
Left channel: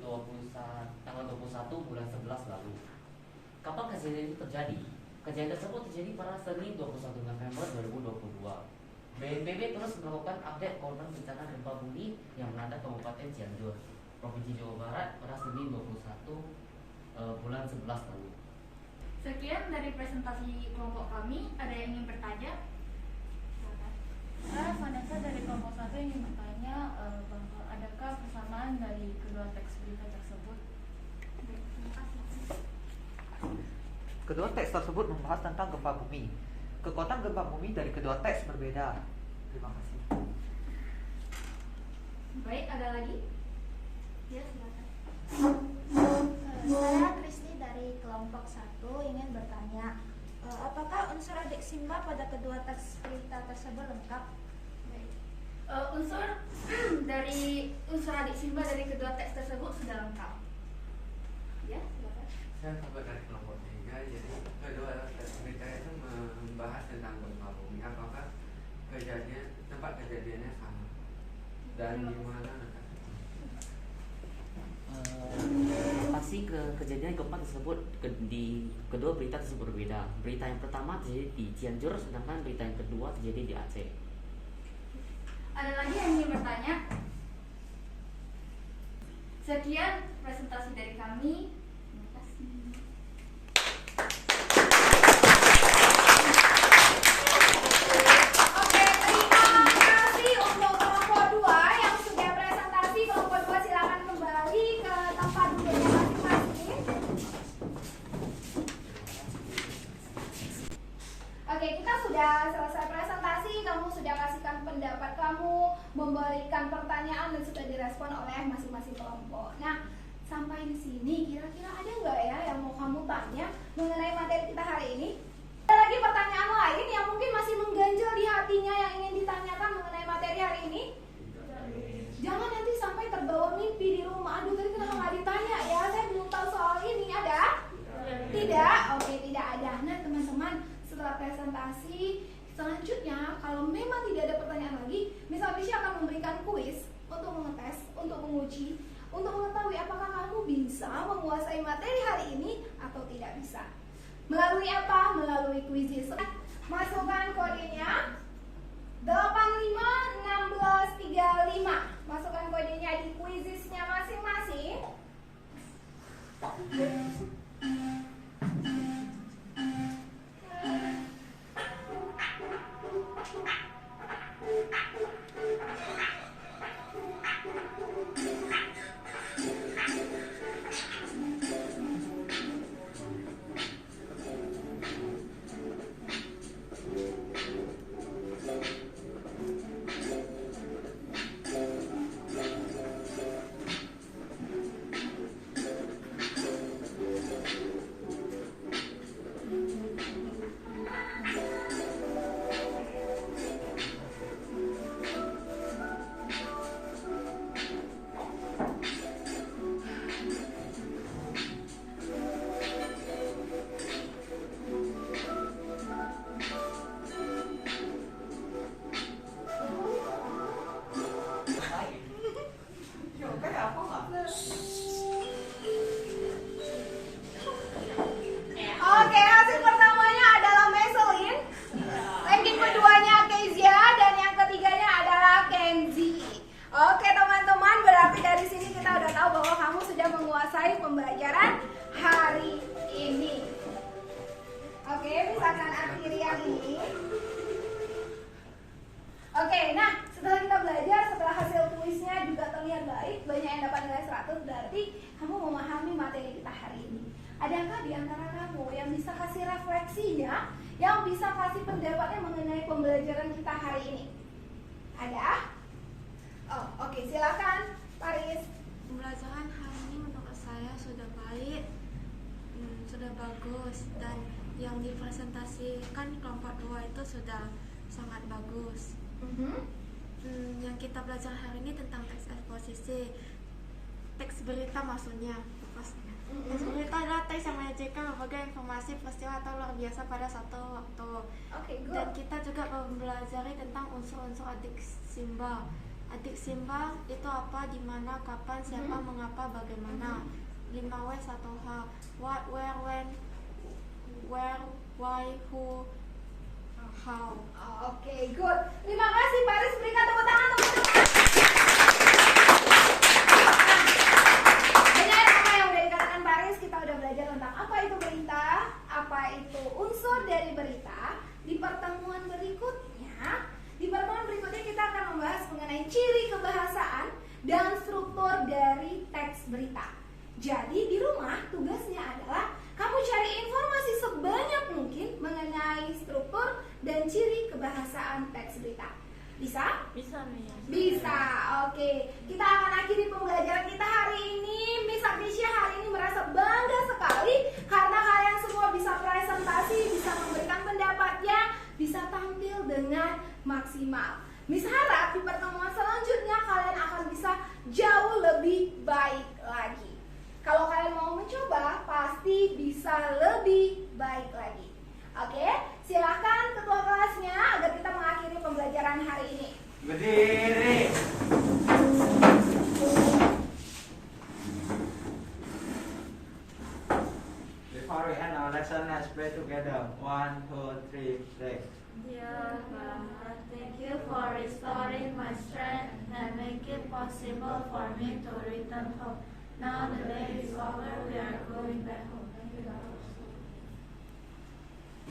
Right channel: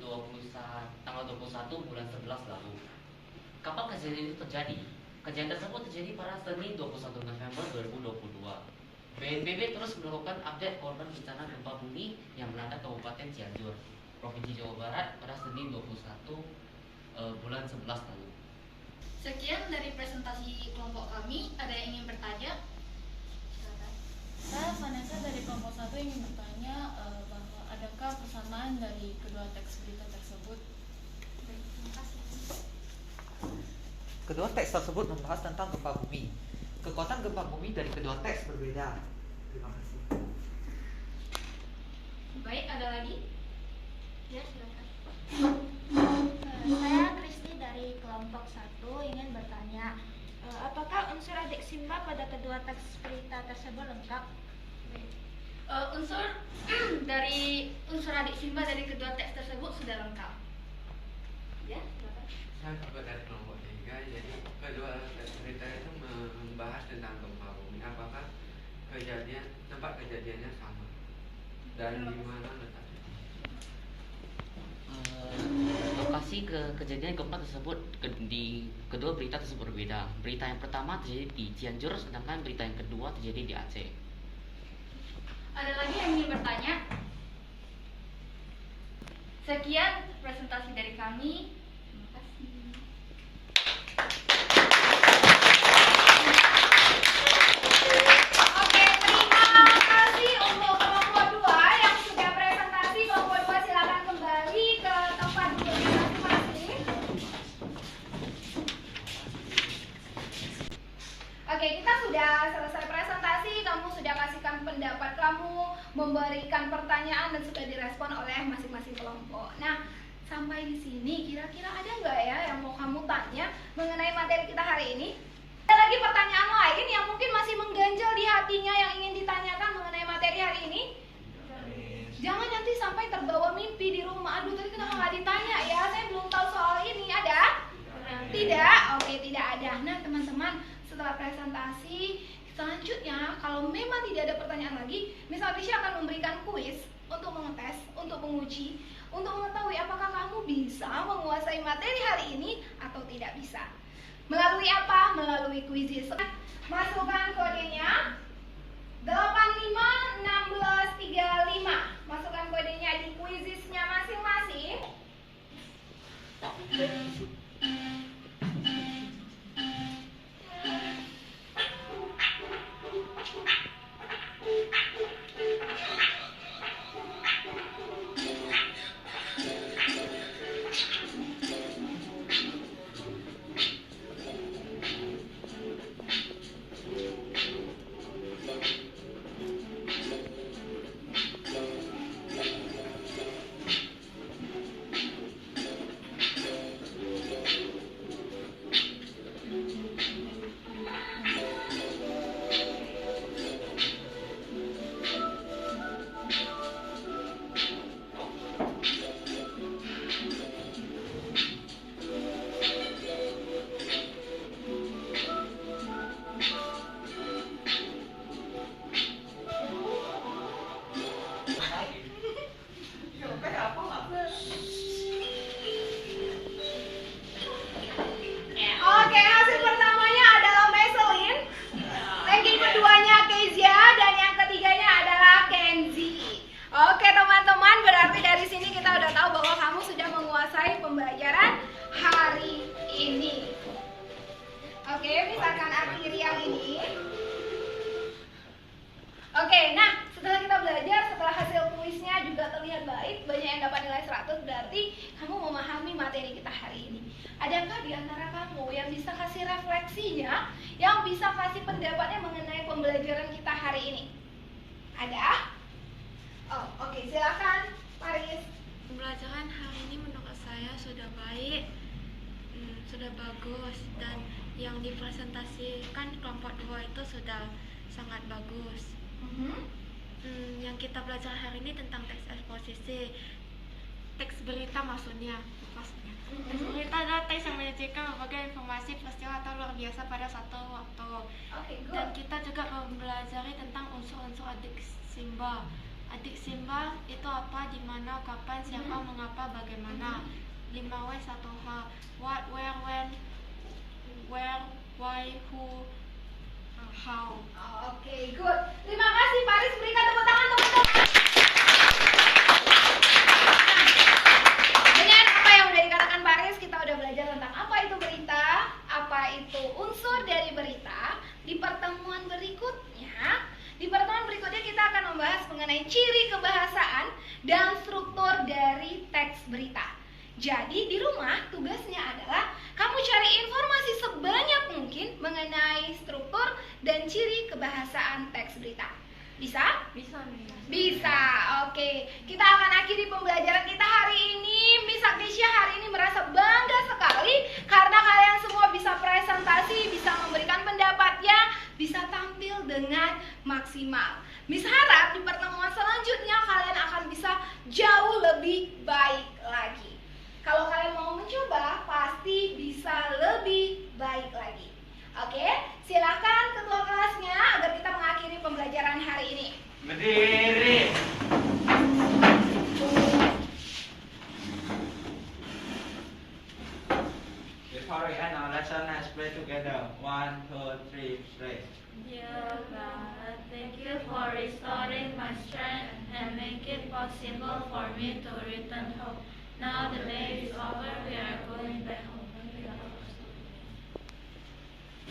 tanggal 21 bulan 11 lalu. Kapan kejadian itu terjadi? Kejadian tersebut terjadi pada Senin 21 November 2022. BNPB terus melakukan update korban bencana gempa bumi yang melanda Kabupaten Cianjur, Provinsi Jawa Barat pada Senin 21 bulan 11 lalu. Sekian dari presentasi kelompok kami. Ada yang ingin bertanya? Silakan. Saya Vanessa dari kelompok 1 ingin bertanya bahwa adakah persamaan dari kedua teks berita tersebut? Kedua teks tersebut membahas tentang gempa bumi. Kekuatan gempa bumi dari kedua teks berbeda. Terima kasih. Baik, ada lagi? Ya, silakan. Saya Kristi dari kelompok 1 ingin bertanya, apakah unsur adik Simba pada kedua teks berita tersebut lengkap? Unsur dari unsur adik Simba dari kedua teks tersebut sudah lengkap. Ya, silakan. Saya juga dari kelompok 3, jadi kedua teks berita itu membahas tentang gempa bumi. Apakah tempat kejadiannya sama dan di mana letaknya? Lokasi kejadian gempa tersebut di kedua berita tersebut berbeda. Berita yang pertama terjadi di Cianjur, sedangkan berita yang kedua terjadi di Aceh. Ada lagi yang ingin bertanya? Sekian presentasi dari kami. Terima kasih. Oke, terima kasih untuk kelompok 2 yang sudah presentasi. Kelompok 2 silakan kembali ke tempat duduknya masing-masing. Oke, kita sudah selesai presentasi. Kamu sudah kasihkan pendapat kamu, memberikan pertanyaan dan sudah direspon oleh masing-masing kelompok. Nah, sampai di sini kira-kira ada nggak ya yang mau kamu tanya mengenai materi kita hari ini? Ada lagi pertanyaan lain yang mungkin masih mengganjal di hatinya yang ingin ditanyakan mengenai materi hari ini? Jangan nanti sampai terbawa mimpi di rumah. Aduh, tadi kenapa nggak ditanya ya? Saya belum tahu soal ini. Ada? Tidak? Oke, tidak ada. Nah, teman-teman, setelah presentasi selanjutnya, kalau memang tidak ada pertanyaan lagi, Miss Alicia akan memberikan kuis untuk mengetes, untuk menguji, untuk mengetahui apakah kamu bisa menguasai materi hari ini atau tidak bisa. Melalui apa? Melalui kuisis. Masukkan kodenya 851635. Masukkan kodenya di kuisisnya masing-masing. Oke, hasil pertamanya adalah Meselin. Ranking keduanya Kezia dan yang ketiganya adalah Kenzi. Oke teman-teman, berarti dari sini kita udah tahu bahwa kamu sudah menguasai pembelajaran hari ini. Oke, misalkan akhiri yang ini. Oke, nah setelah kita belajar, setelah hasil kuisnya juga terlihat baik, banyak yang dapat nilai 100, berarti kamu memahami materi kita hari ini. Adakah di antara kamu yang bisa kasih refleksinya, yang bisa kasih pendapatnya mengenai pembelajaran kita hari ini? Ada? Oh, oke, silakan, Paris. Pembelajaran hari ini menurut saya sudah baik, sudah bagus, dan yang dipresentasikan kelompok 2 itu sudah sangat bagus. Yang kita belajar hari ini tentang teks eksposisi. teks berita maksudnya. Teks berita adalah teks yang menyajikan berbagai informasi peristiwa atau luar biasa pada satu waktu. Dan kita juga mempelajari tentang unsur-unsur adik Simba. Adik Simba itu apa, di mana, kapan, siapa, mengapa, bagaimana. 5W1H. What, where, when, where, why, who, how. Oke, good. Terima kasih Paris, berikan tepuk tangan teman-teman. Dengan apa yang udah dikatakan Paris, kita udah belajar tentang apa itu berita, apa itu unsur dari berita. Di pertemuan berikutnya kita akan membahas mengenai ciri kebahasaan dan struktur dari teks berita. Jadi di rumah tugasnya adalah kamu cari informasi sebanyak mungkin mengenai struktur dan ciri kebahasaan teks berita. Bisa? Bisa. Oke. Kita akan akhiri pembelajaran kita hari ini. Miss Agnesya hari ini merasa bangga sekali karena kalian semua bisa presentasi, bisa memberikan pendapatnya, bisa tampil dengan maksimal. Miss harap di pertemuan selanjutnya kalian akan bisa jauh lebih baik lagi. Kalau kalian mau mencoba, pasti bisa lebih baik lagi. Oke, silakan ketua kelasnya agar kita mengakhiri pembelajaran hari ini. Berdiri. Before we end our lesson, let's pray together. 1, 2, 3, pray. Dear God, thank you for restoring my strength and make it possible for me to return home. Now the day is over, we are going back home.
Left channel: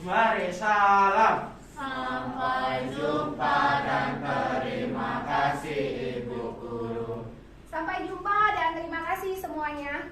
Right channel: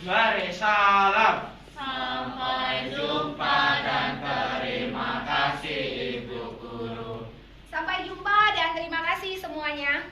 Mari salam. Sampai jumpa dan terima kasih Ibu Guru. Sampai jumpa dan terima kasih semuanya.